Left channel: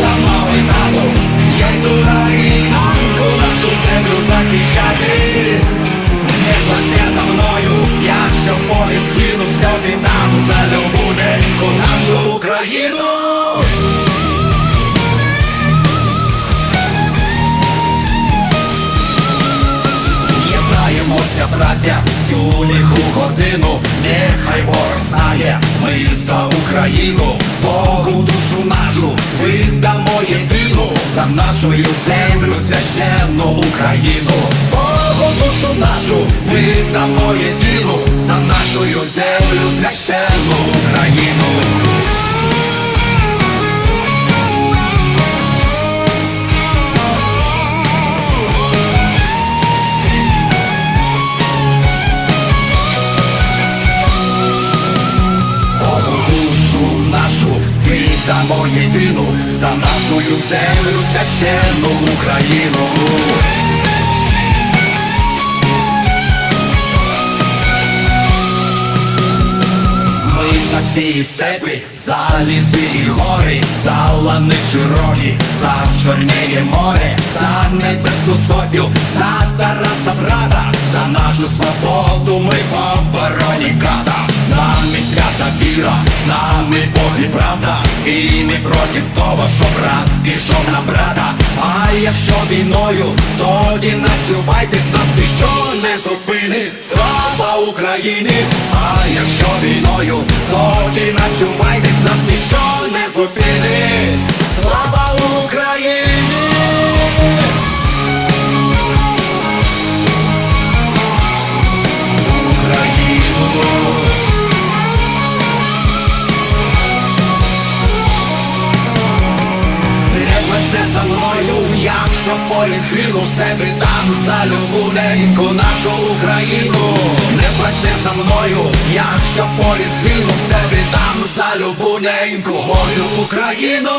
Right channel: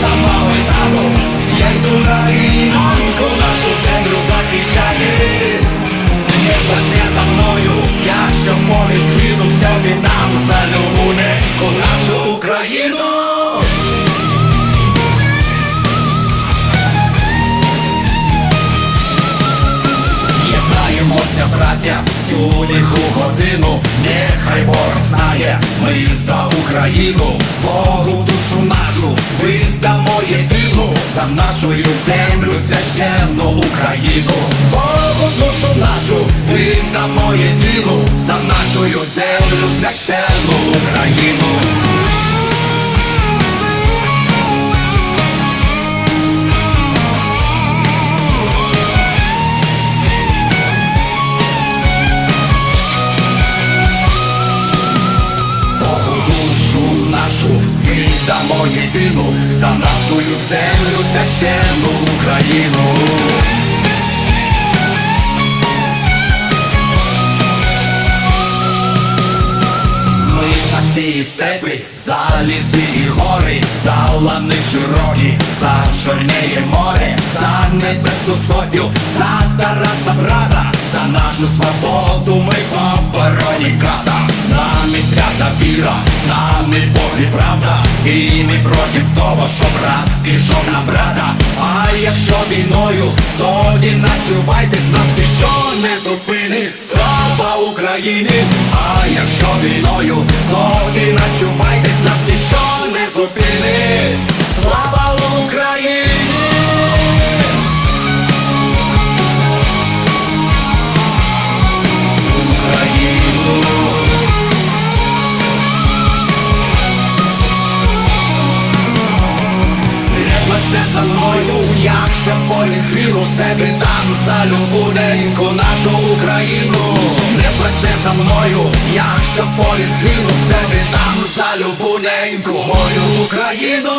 Тобто та мамо і тату, я йду на рідоньку нашу землю захищати, не плачте за мною, якщо в полі згину, все віддам за любу неньку нашу Україну. Єднаємося, браття, цю ліху годину, нехай ворог знає, ми за Україну. Богу за нашою землю священну Україну, Богу душу нашу віддамо єдину, за нашою землю священну Україну. Нашу віддамо єдину за нашою землю священну Україну. Ми за ці степи, за ліси і гори, за лани широкі, за чорнеє море, за небесну сотню, за Тараса брата, нашу свободу ми по обороні. З нами свята віра, з нами Бог і правда, і ми проти того, що брат пішов на брата. А якщо війною, тоді начувайтесь, нас ніщо не зупинить. Слава Україні! А якщо війною, тоді начувайтесь, нас ніщо не зупинить. Не за мною, якщо в полі згину все віддам за любу неньку нашу Україну. Не плачте за мною, якщо в полі згину все віддам за любу неньку мою Україну.